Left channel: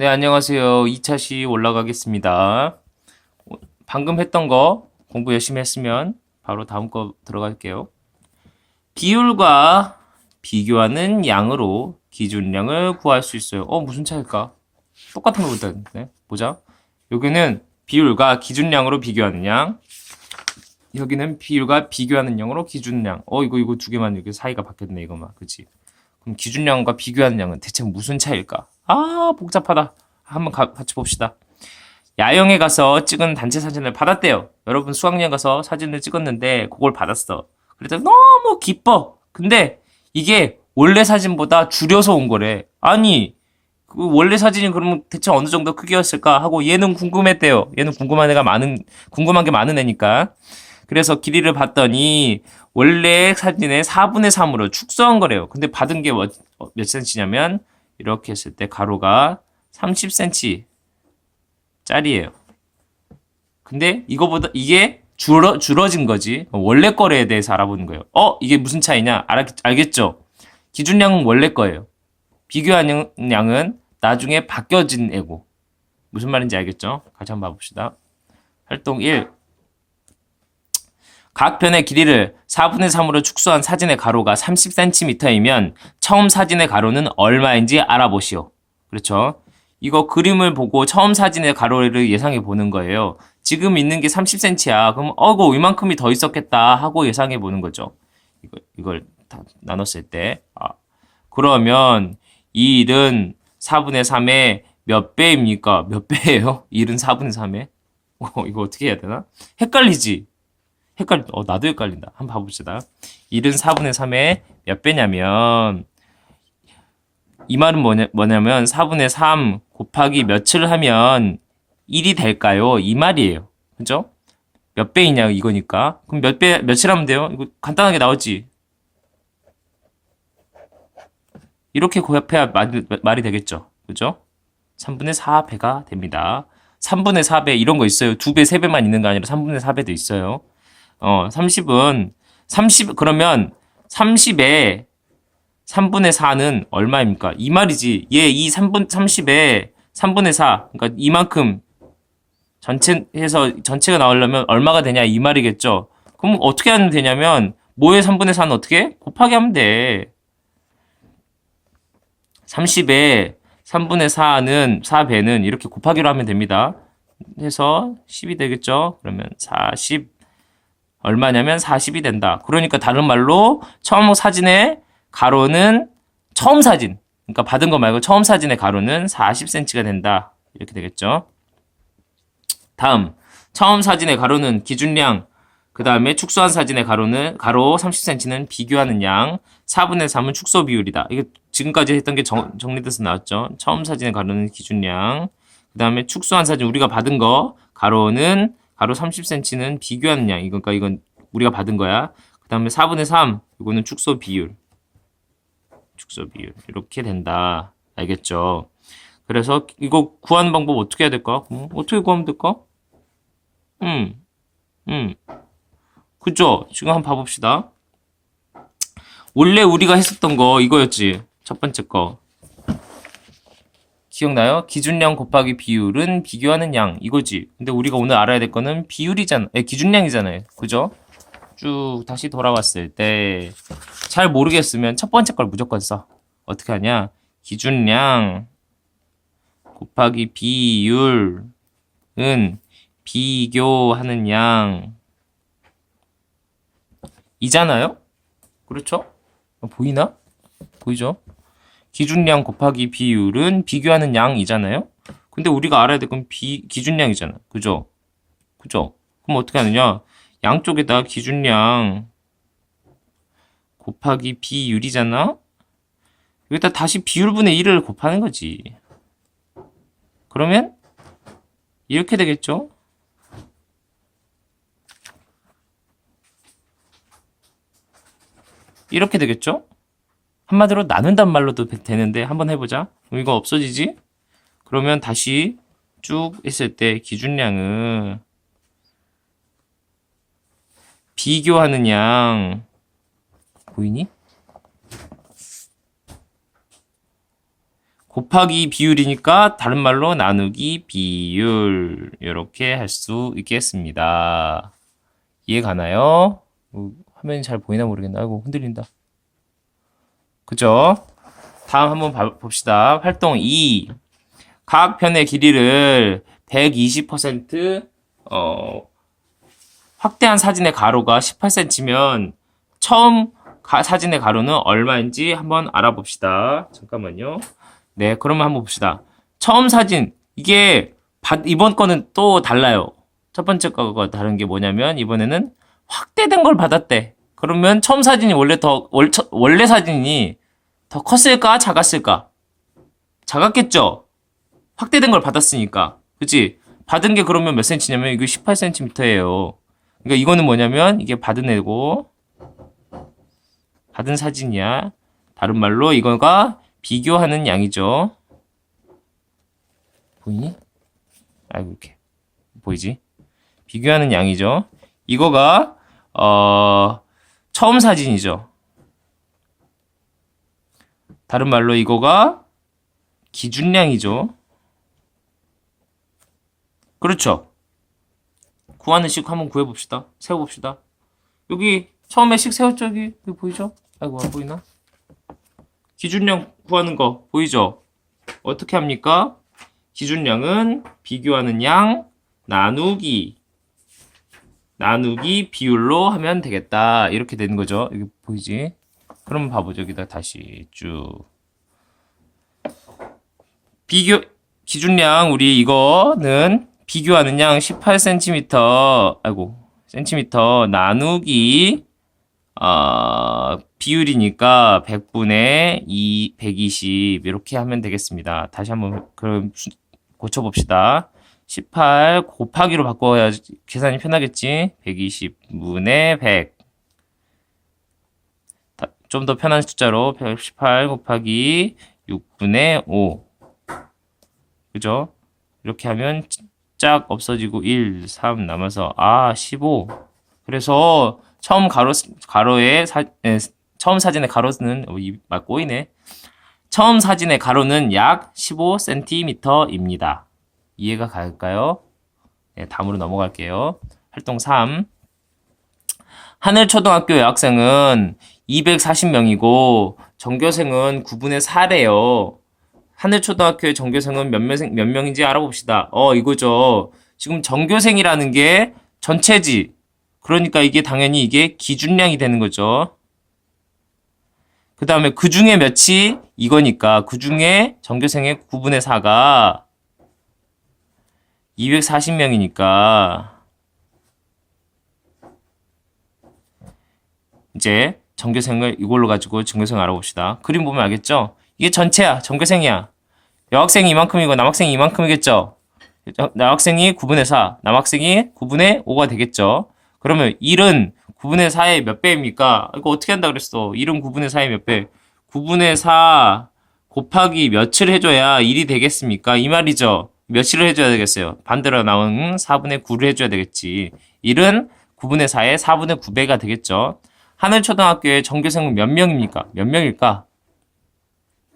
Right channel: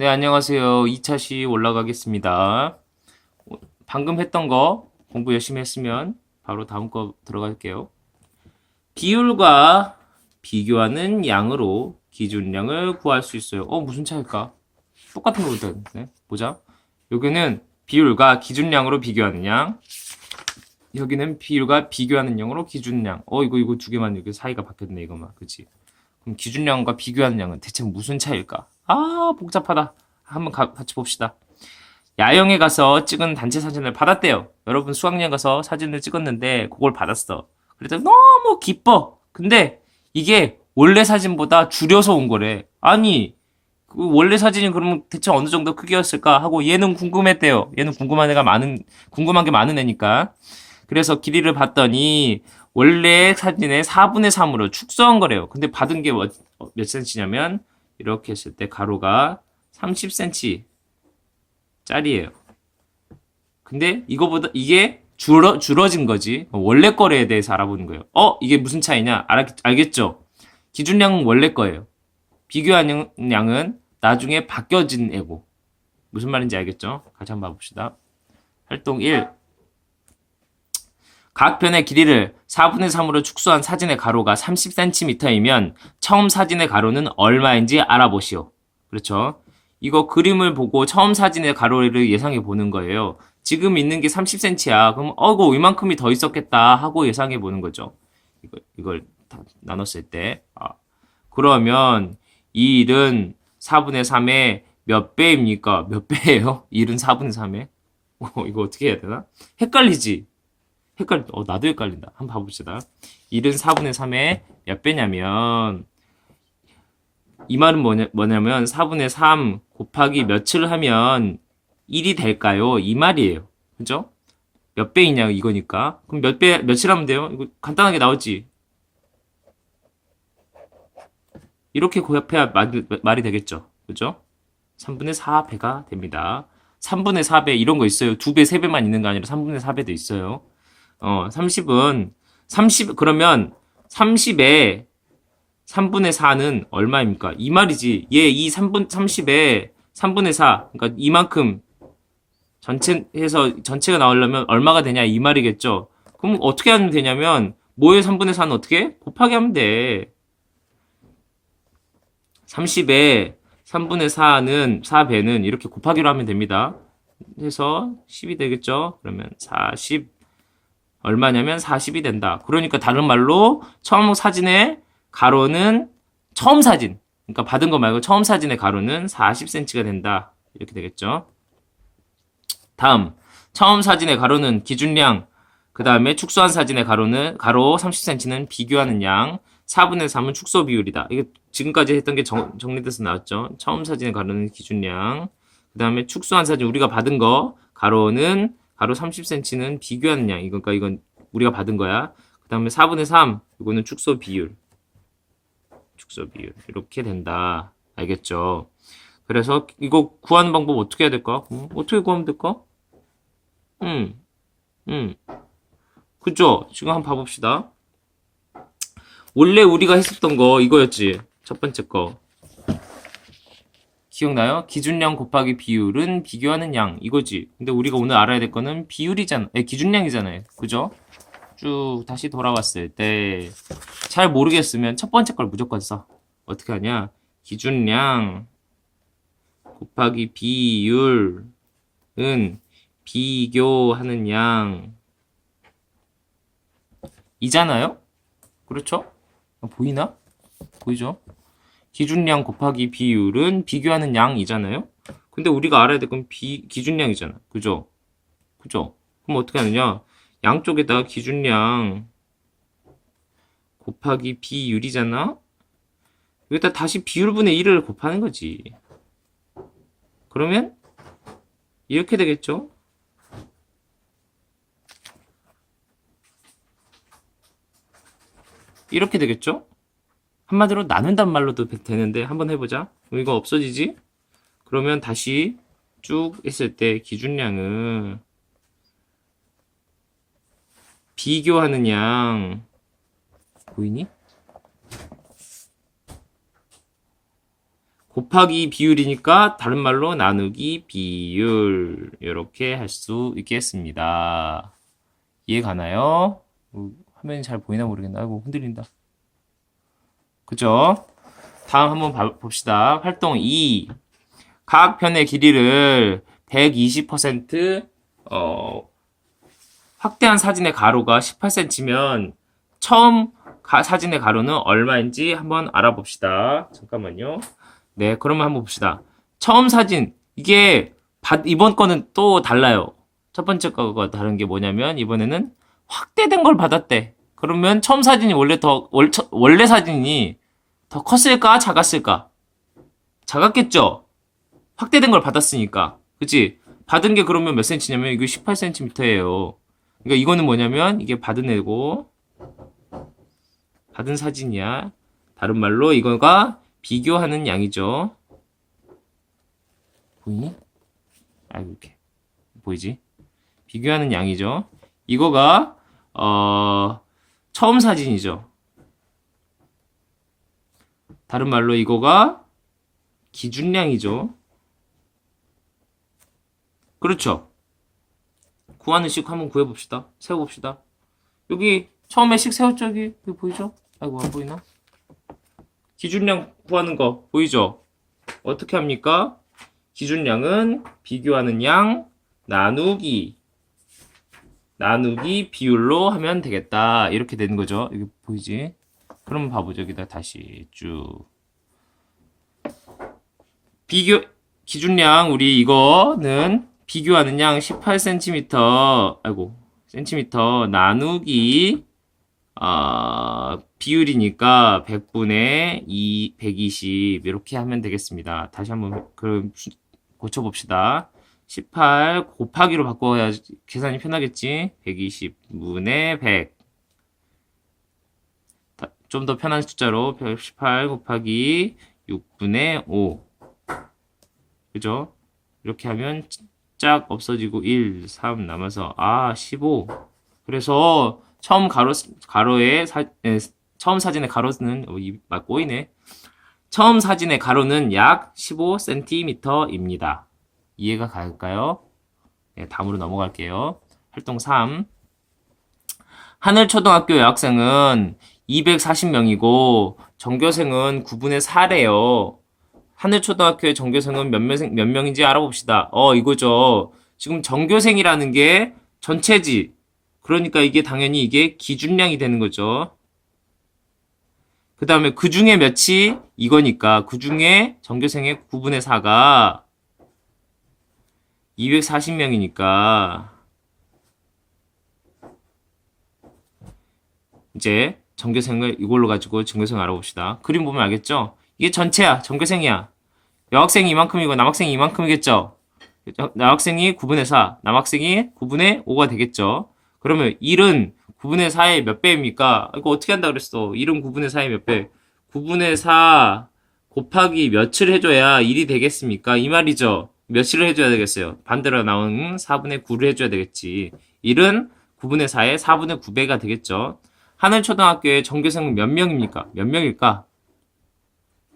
네, 안녕하세요. 2차 시 올라가겠습니다. 방금 했던 거 공부 열심히 했으면 바로 다음 거 들어갈게요. 비율과 비교하는 양으로 기준량을 구할 수 있어요. 어, 무슨 차일까? 똑같은 거 있다는데. 보자. 여기는 비율과 기준량으로 비교하는 양. 여기는 비율과 비교하는 양으로 기준량. 어, 이거, 이거 두 개만 이렇게 사이가 바뀌었네, 이거만. 그치? 그럼 기준량과 비교하는 양은 대체 무슨 차일까? 아, 복잡하다. 한번 가- 같이 봅시다. 야영에 가서 찍은 단체 사진을 받았대요. 여러분 수학여행 가서 사진을 찍었는데 그걸 받았어. 그래서 너무 기뻐. 근데 이게 원래 사진보다 줄여서 온 거래. 아니, 그 원래 사진이 그러면 대체 어느 정도 크기였을까 하고 얘는 궁금했대요. 얘는 궁금한 애가 많은, 궁금한 게 많은 애니까. 그래서 길이를 봤더니 원래 사진의 4분의 3으로 축소한 거래요. 근데 받은 게 몇, 센치냐면 이렇게 했을 때 가로가 30cm 짜리예요. 근데 이거보다 이게 줄어 줄어진 거지. 원래 거래에 대해서 알아보는 거예요. 어, 이게 무슨 차이냐? 알, 알겠죠? 기준량은 원래 거예요. 비교하는 양은 나중에 바뀌어진 애고. 무슨 말인지 알겠죠? 같이 한번 봐봅시다. 활동 1. 각 편의 길이를 4분의 3으로 축소한 사진의 가로가 30cm이면 처음 사진의 가로는 얼마인지 알아보시오. 그렇죠? 이거 그림을 보고 처음 사진의 가로를 예상해 보는 거예요. 지금 있는 게 30cm야. 그럼 어고 이만큼이 더 있었겠다 하고 예상해 보는 거죠. 이걸, 이걸 다 나눴을 때. 아, 그러면 이 일은 4분의 3의 몇 배입니까? 몇 배예요? 1은 4분의 3에? 어, 이거 어떻게 해야 되나? 헷갈리지? 헷갈리, 어, 나도 헷갈린다. 한번 봐봅시다. 1은 4분의 3의 몇 배냐면, 이 말은 뭐냐, 뭐냐면 4분의 3 곱하기 몇을 하면 1이 될까요? 이 말이에요. 그죠? 몇 배이냐 이거니까. 그럼 몇 배, 몇을 하면 돼요? 이거 간단하게 나오지? 이렇게 곱해야 말, 말이 되겠죠. 그죠? 3분의 4배가 됩니다. 3분의 4배 이런 거 있어요. 2배, 3배만 있는 거 아니라 3분의 4배도 있어요. 어, 30은 30 그러면 30에 3분의 4는 얼마입니까? 이 말이지. 얘 이 3분 30에 3분의 4. 그러니까 이만큼 전체 해서 전체가 나오려면 얼마가 되냐 이 말이겠죠. 그럼 어떻게 하면 되냐면 뭐의 3분의 4는 어떻게? 해? 곱하기 하면 돼. 30에 3분의 4는 4배는 이렇게 곱하기로 하면 됩니다. 해서 10이 되겠죠? 그러면 40 얼마냐면 40이 된다. 그러니까 다른 말로 처음 사진의 가로는 처음 사진. 그러니까 받은 거 말고 처음 사진의 가로는 40cm가 된다. 이렇게 되겠죠. 다음 처음 사진의 가로는 기준량 그 다음에 축소한 사진의 가로는 가로 30cm는 비교하는 양 4분의 3은 축소 비율이다. 이게 지금까지 했던 게 정, 정리돼서 나왔죠. 처음 사진의 가로는 기준량 그 다음에 축소한 사진 우리가 받은 거 가로는 가로 30cm는 비교하는 양. 그러니까 이건 우리가 받은 거야. 그 다음에 4분의 3 이거는 축소 비율 축소 비율 이렇게 된다. 알겠죠? 그래서 이거 구하는 방법 어떻게 해야 될까? 음, 어떻게 구하면 될까? 음, 음, 그죠? 지금 한번 봐봅시다. 원래 우리가 했었던 거 이거였지. 첫 번째 거. 기억나요? 기준량 곱하기 비율은 비교하는 양 이거지. 근데 우리가 오늘 알아야 될 거는 비율이잖아. 에, 기준량이잖아요. 그죠? 쭉 다시 돌아왔을 때 잘 모르겠으면 첫 번째 걸 무조건 써. 어떻게 하냐? 기준량 곱하기 비율은 비교하는 양 이잖아요? 그렇죠? 어, 보이나? 보이죠? 기준량 곱하기 비율은 비교하는 양이잖아요? 근데 우리가 알아야 될 건 비, 기준량이잖아. 그죠? 그죠? 그럼 어떻게 하느냐? 양쪽에다 기준량 곱하기 비율이잖아? 여기다 다시 비율분의 1을 곱하는 거지. 그러면 이렇게 되겠죠? 이렇게 되겠죠? 한마디로 나눈단 말로도 되- 되는데 한번 해보자. 그럼 이거 없어지지? 그러면 다시 쭉 했을 때 기준량은 비교하는 양 보이니? 곱하기 비율이니까 다른 말로 나누기 비율 이렇게 할 수 있겠습니다. 이해 가나요? 어, 화면이 잘 보이나 모르겠네. 아이고 흔들린다. 그죠? 다음 한번 봐- 봅시다. 활동 2. 각 편의 길이를 120% 어, 확대한 사진의 가로가 18cm면 처음 가- 사진의 가로는 얼마인지 한번 알아봅시다. 잠깐만요. 네, 그러면 한번 봅시다. 처음 사진 이게 받- 이번 거는 또 달라요. 첫 번째 거가 다른 게 뭐냐면 이번에는 확대된 걸 받았대. 그러면 처음 사진이 원래 더 월, 처- 원래 사진이 더 컸을까 작았을까? 작았겠죠. 확대된 걸 받았으니까. 그치? 받은 게 그러면 몇 센치냐면 이거 18cm예요. 그러니까 이거는 뭐냐면 이게 받은 애고 받은 사진이야. 다른 말로 이거가 비교하는 양이죠. 보이니? 아이고 이렇게 보이지? 비교하는 양이죠. 이거가 어 처음 사진이죠. 다른 말로 이거가 기준량이죠. 그렇죠. 구하는 식 한번 구해봅시다. 세워봅시다. 여기 처음에 식? 여기, 여기 보이죠? 아이고 안 보이나? 기준량 구하는 거 보이죠? 어떻게 합니까? 기준량은 비교하는 양 나누기 나누기 비율로 하면 되겠다. 이렇게 되는 거죠. 이게 보이지? 그럼 봐보죠. 여기다 다시 쭉 비교 기준량 우리 이거는 비교하는 양 18cm 아이고 센티미터 나누기 어, 비율이니까 100분의 2, 120 이렇게 하면 되겠습니다. 다시 한번 그럼 수- 고쳐봅시다. 18 곱하기로 바꿔야 계산이 편하겠지? 120분의 100. 좀 더 편한 숫자로 118 곱하기 6분의 5. 그죠? 이렇게 하면 짝 없어지고 1, 3 남아서 아, 15. 그래서 처음 가로 가로에 사, 에, 처음 사진의 가로는 어, 이, 막 꼬이네. 처음 사진의 가로는 약 15cm입니다. 이해가 갈까요? 네, 다음으로 넘어갈게요. 활동 3. 하늘초등학교 여학생은 240명이고 전교생은 9분의 4래요. 하늘초등학교의 전교생은 몇, 명, 몇 명인지 알아봅시다. 어, 이거죠. 지금 전교생이라는 게 전체지. 그러니까 이게 당연히 이게 기준량이 되는 거죠. 그 다음에 그 중에 몇이 이거니까 그 중에 전교생의 9분의 4가 240명이니까 이제 전교생을 이걸로 가지고 전교생 알아봅시다. 그림 보면 알겠죠? 이게 전체야. 전교생이야. 여학생이 이만큼이고 남학생이 이만큼이겠죠? 여학생이 9분의 4, 남학생이 9분의 5가 되겠죠? 그러면 1은 9분의 4의 몇 배입니까? 이거 어떻게 한다 그랬어? 1은 9분의 4의 몇 배? 9분의 4 곱하기 몇을 해줘야 1이 되겠습니까? 이 말이죠. 몇을 해줘야 되겠어요? 반대로 나온 4분의 9를 해줘야 되겠지. 1은 9분의 4의 4분의 9배가 되겠죠. 하늘초등학교의 전교생은 몇 명입니까? 몇 명일까?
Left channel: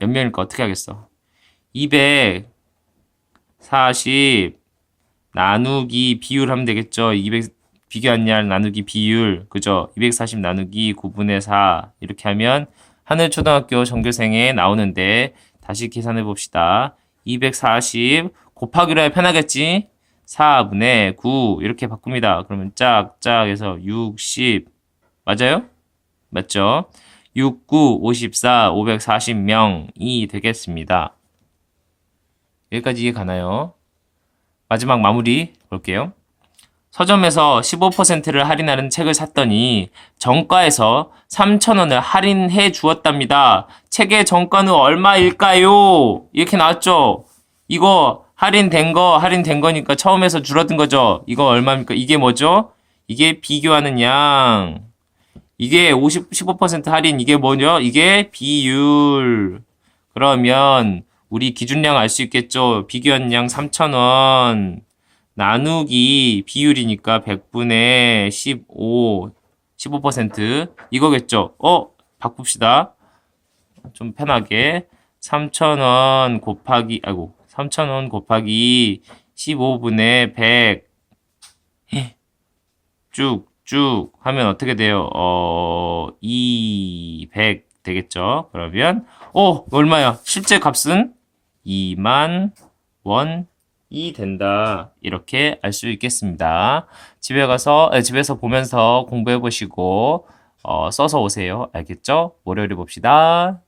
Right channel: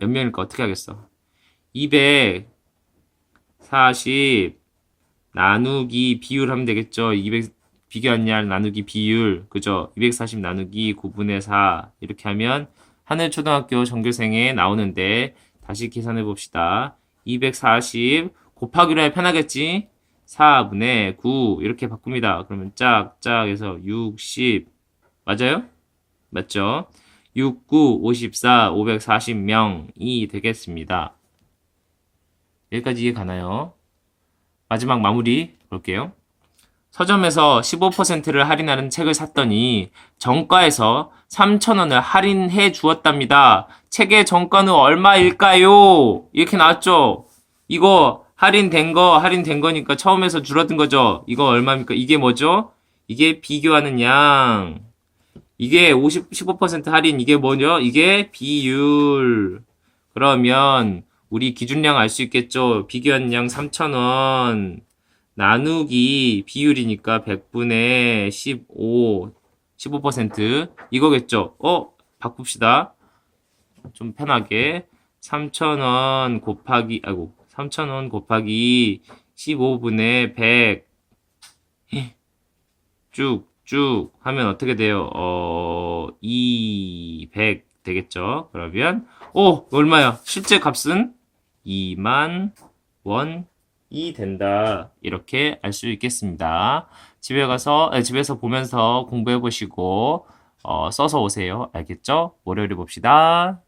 몇 명일까? 어떻게 하겠어? 240 나누기 비율 하면 되겠죠? 200 비교한 양 나누기 비율 그죠? 240 나누기 9분의 4 이렇게 하면 하늘초등학교 전교생에 나오는데 다시 계산해 봅시다. 240 곱하기로 해 편하겠지? 4분의 9 이렇게 바꿉니다. 그러면 짝짝 해서 60 맞아요? 맞죠? 6, 9, 54, 540명이 되겠습니다. 여기까지 이해 가나요? 마지막 마무리 볼게요. 서점에서 15%를 할인하는 책을 샀더니 정가에서 3,000원을 할인해 주었답니다. 책의 정가는 얼마일까요? 이렇게 나왔죠? 이거 할인된 거, 할인된 거니까 처음에서 줄어든 거죠? 이거 얼마입니까? 이게 뭐죠? 이게 비교하는 양. 이게 50, 15% 할인, 이게 뭐죠? 이게 비율. 그러면 우리 기준량 알 수 있겠죠? 비교한 양 3,000원. 나누기 비율이니까 100분의 15, 15% 이거겠죠? 어, 바꿉시다. 좀 편하게. 3,000원 곱하기, 아이고, 3,000원 곱하기 15분의 100. 쭉, 쭉 하면 어떻게 돼요? 어, 200 되겠죠? 그러면, 오! 얼마야? 실제 값은 2만 원이 된다. 이렇게 알 수 있겠습니다. 집에 가서, 아, 집에서 보면서 공부해 보시고, 어, 써서 오세요. 알겠죠? 월요일에 봅시다.